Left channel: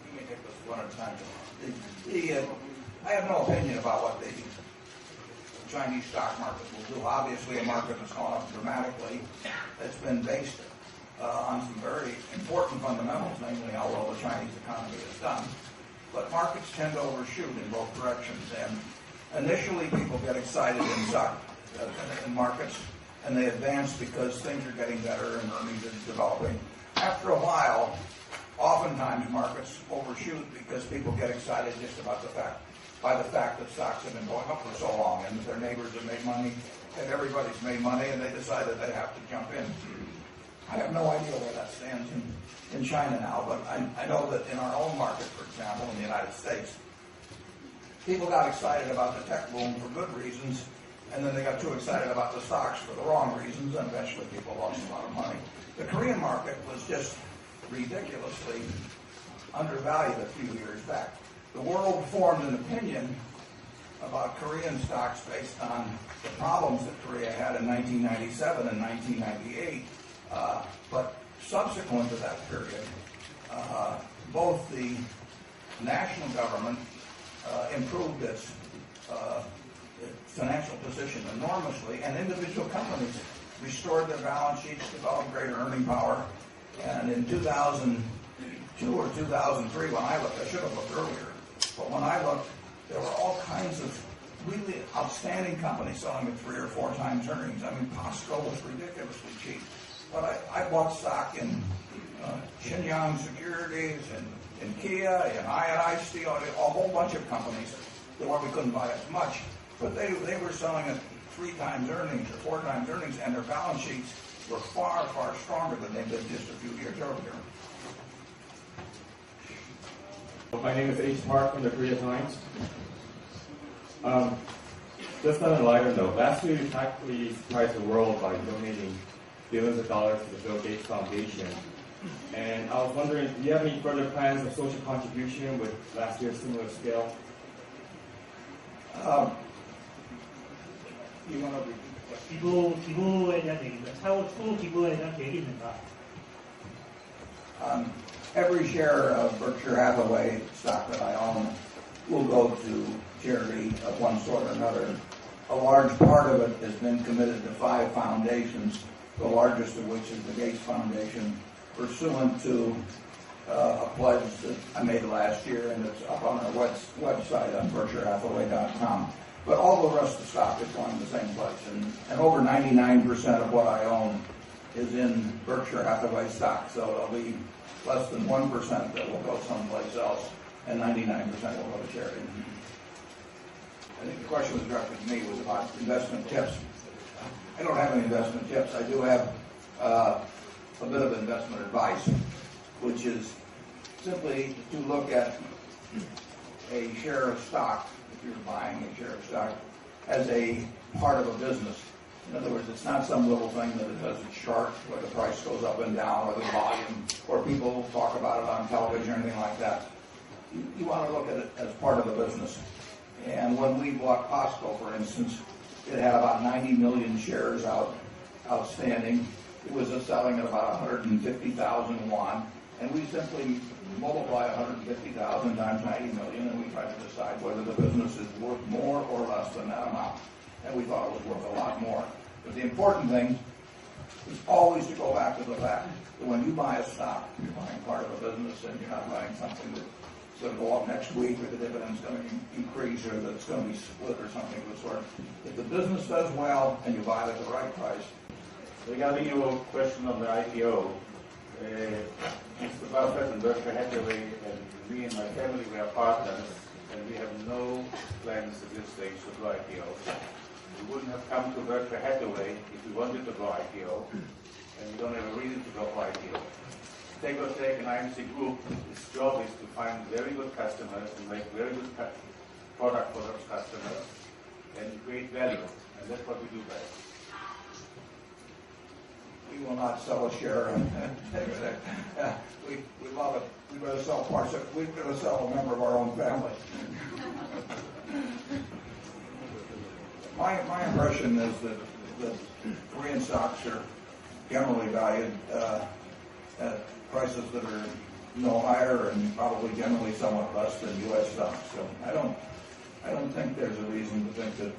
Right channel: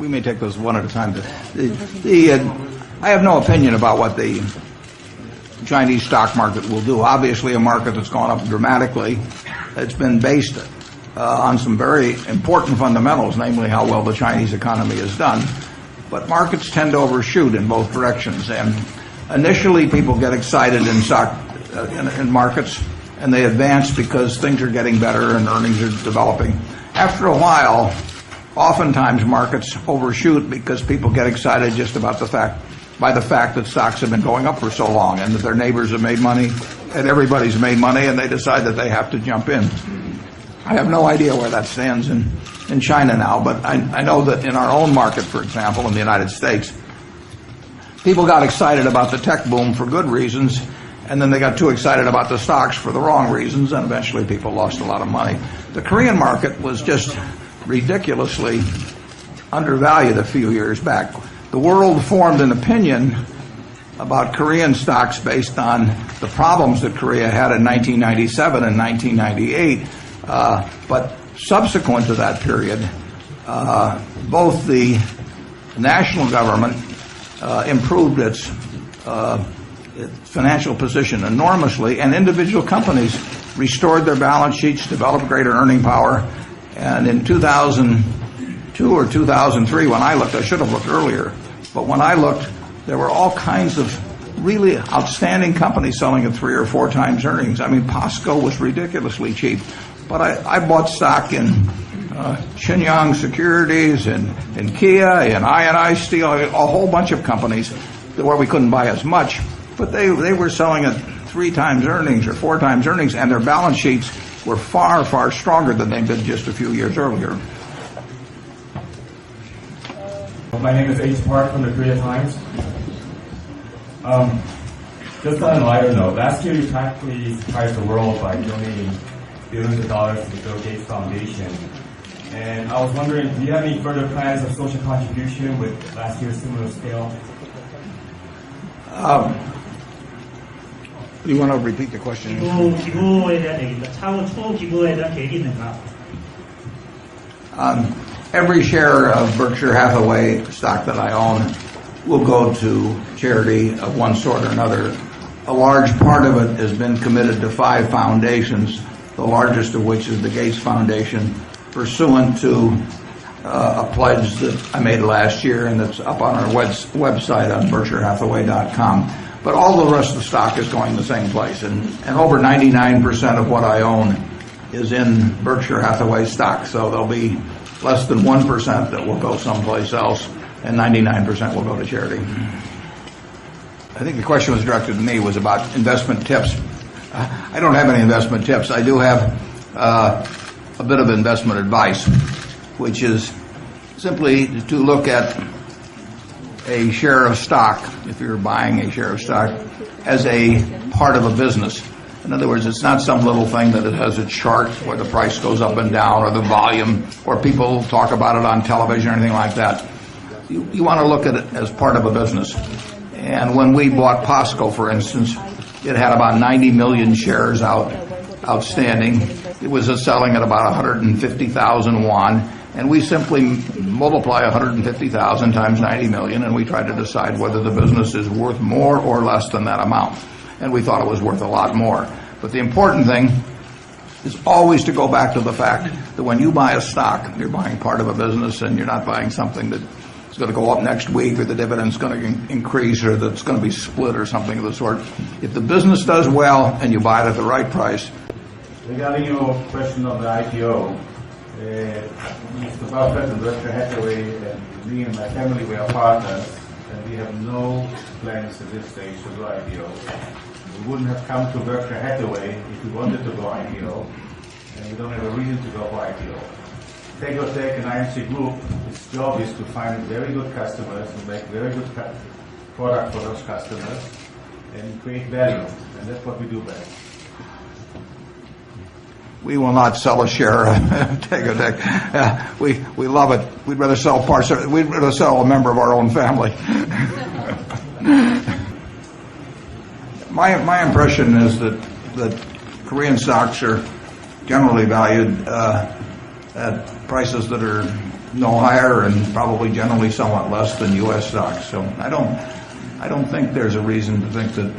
we may take those one at a time. I have no opinion about what the Chinese stock market will do. Obviously, a market that's gone up dramatically. It's been based on some very important fundamentals, namely how well the Chinese economy has done. But markets tend to overshoot in both directions. And initially, people get excited in markets, and they advance because things are getting better and earnings are developing. After a while, oftentimes markets overshoot because people get excited just about the fact that stocks have been going up for so long and that their neighbors have made money and everybody's made money, and they decide that they have to jump in. I have no idea where that stands in China now, but I know that in our own market, for example, in the United States, people got excited about the tech boom for good reasons, and then they got too excited about the stocks for the wrong reasons, and eventually people lost a lot of money. The Korean market was just ridiculously undervalued a few years back. The world formed an opinion about Korean stocks based on the problems that Korea had in 1997 and 1998. But subsequent to that period, both the national government improved its financial position enormously, and individual companies restored their balance sheets, developed greater earning power. And in 2002 or 2003, when I looked, I should have looked earlier, but when I looked, there were all kinds of really outstanding companies selling at 3 or 4 times earnings. I mean, Costco was ridiculously cheap. But I bought stock in Shenyang Securities and Kia and I&I Steel, a whole bunch of companies where we couldn't buy as much. But they were selling at 3 times earnings or 4 times earnings, and their balance sheets were far, far stronger than they'd been just a few years earlier. My name is H. Park from the Korea Times. Just on a lighter note, last year you practically surprised the world by donating billions of dollars to the Bill Gates Foundation. And I was wondering, do you have any further plans of social contribution with last year's similar scale? Do you want to repeat the question? 기부에 대한 얘기입니다. 차후 기부에 대한 계획이 있는가? Every share of Berkshire Hathaway stock that I own will go to charity of one sort or another. A large part of it has been committed to 5 foundations, the largest of which is the Gates Foundation, pursuant to a pledge that I made last year, and that's up on our website on BerkshireHathaway.com. But all the rest of the stock is going the same place, and over 99% of what I own is in Berkshire Hathaway stock, so there'll be less than 1% that will go someplace else, and 99% will go to charity. I think the question was directed to me, was about investment tips. I don't have any investment tips. I do have a bit of investment advice, which is simply to look at a share of stock, if you're buying a share of stock, as a part of a business. In other words, it's not some little thing that it has a chart where the price goes up and down, or the volume, or people talk about it on television or anything like that. You want to look at it as part of a business. And when we bought Costco, for instance, it had about 90 million shares outstanding. It was selling at about 150,000 won. And we simply multiply 150,000 times 90 million, and we try to decide whether the business is worth more or less than that amount. And we thought it was worth a lot more. But the important thing is always to go back to the fact that when you buy a stock, you're buying part of a business, and you're not buying something that is going to go up next week, or the dividend's going to increase, or that's going to be split, or something of the sort. If the business does well and you buy it at the right price. Regarding your question of the IPO, Mr. Buffett and Berkshire Hathaway and me and my family, we are partners, and we have no plans at this stage to go IPO. We wouldn't have come to Berkshire Hathaway if we wanted to go IPO, and we don't have a reason to go for IPO. Tegotech and IMC Group, its job is to find very good customers and make very good product for those customers and create value, and that's what we do best. We will not sell a share of Tegotech. We love it. We'd rather sell we'd rather sell a member of our own family. My impression is that Korean stocks are generally valued at prices that are no higher and probably generally somewhat less than U.S. stocks. So I don't think there's a reason to think that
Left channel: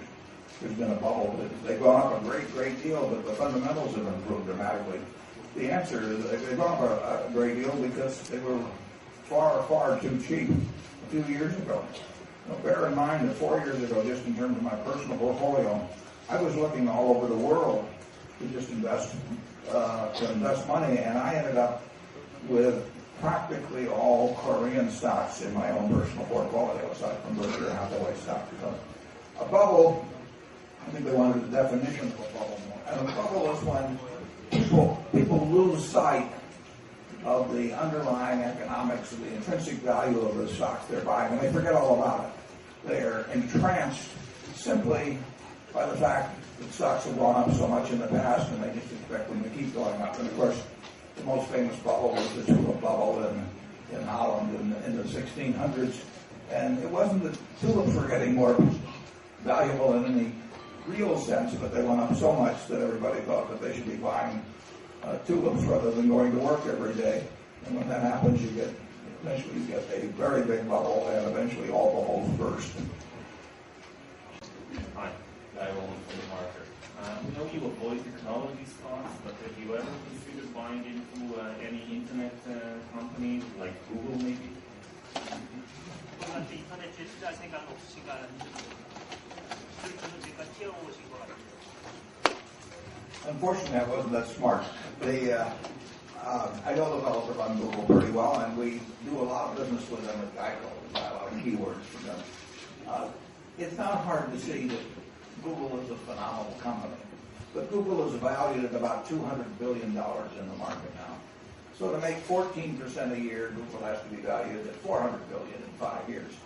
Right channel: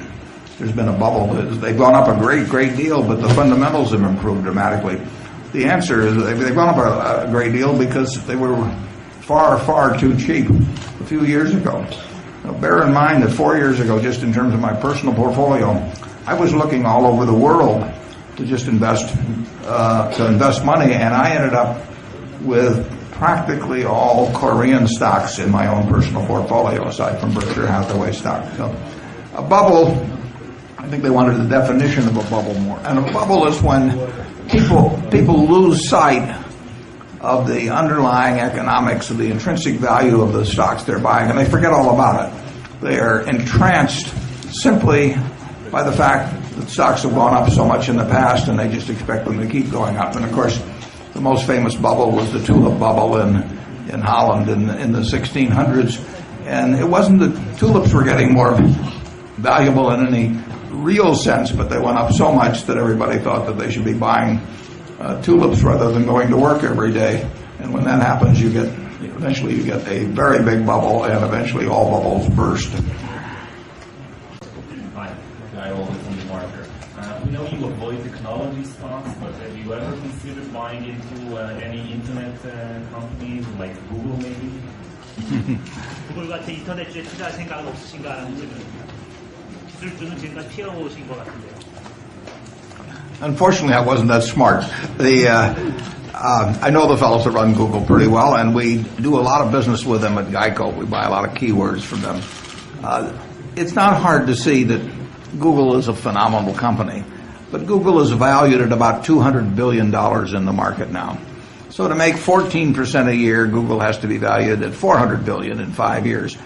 there's been a bubble. They've gone up a great deal, but the fundamentals have improved dramatically. The answer is they've gone up a great deal because they were far too cheap a few years ago. Now, bear in mind that 4 years ago, just in terms of my personal portfolio, I was looking all over the world to just invest money, and I ended up with practically all Korean stocks in my own personal portfolio, aside from Berkshire Hathaway stock. So, a bubble, I think they wanted the definition of a bubble more. And a bubble is when people lose sight of the underlying economics of the intrinsic value of the stocks they're buying, and they forget all about it. They are entranced simply by the fact that stocks have gone up so much in the past, and they just expect them to keep going up. And of course, the most famous bubble was the tulip bubble in Holland in the 1600s. And it wasn't that tulips were getting more valuable in any real sense, but they went up so much that everybody thought that they should be buying tulips rather than going to work every day. And when that happens, eventually you get a very big bubble, and eventually all bubbles burst. Hi, Guy Olin from the market. We know you avoid technology stocks, but have you ever considered buying into any internet companies like Google maybe? 구글 같은 인터넷주에 투자할 생각은 없으신가 하는 기술주는 지금까지 피하고 오신 것 같은데요. Unfortunately, I wasn't that smart. I know the fellows that run Google pretty well, and we do a lot of business with them at Geico. We buy a lot of keywords from them. It's not hard to see that Google is a phenomenal company, but Google is valued at about $200 billion in the market now. So to make 14% a year, Google has to be valued at $400 billion in 5 years.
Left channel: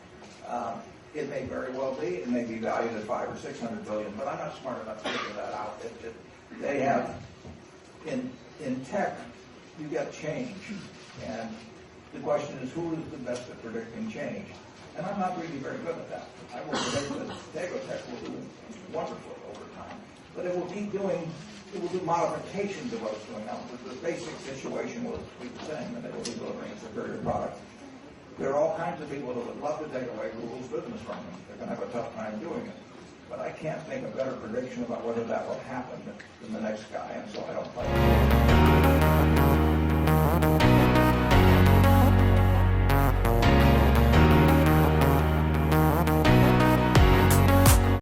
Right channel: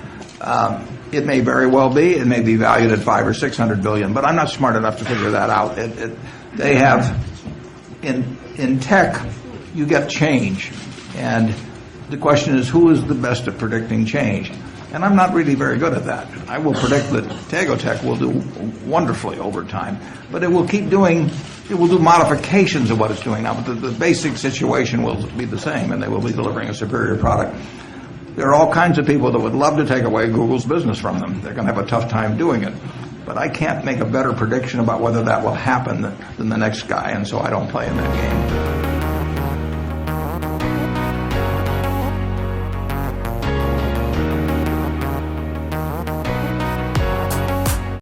It may very well be. It may be valued at $500 or $600 billion, but I'm not smart enough to figure that out. They have in tech, you get change, and the question is who is the best at predicting change. And I'm not really very good at that. I will predict that Tegotech will do wonderfully over time, but it will do modifications of what it's doing now, but the basic situation will be the same, and they will be delivering a superior product. There are all kinds of people that would love to take away Google's business from them. They're going to have a tough time doing it. But I can't make a better prediction about whether that will happen than the next guy, and so I don't play in that game.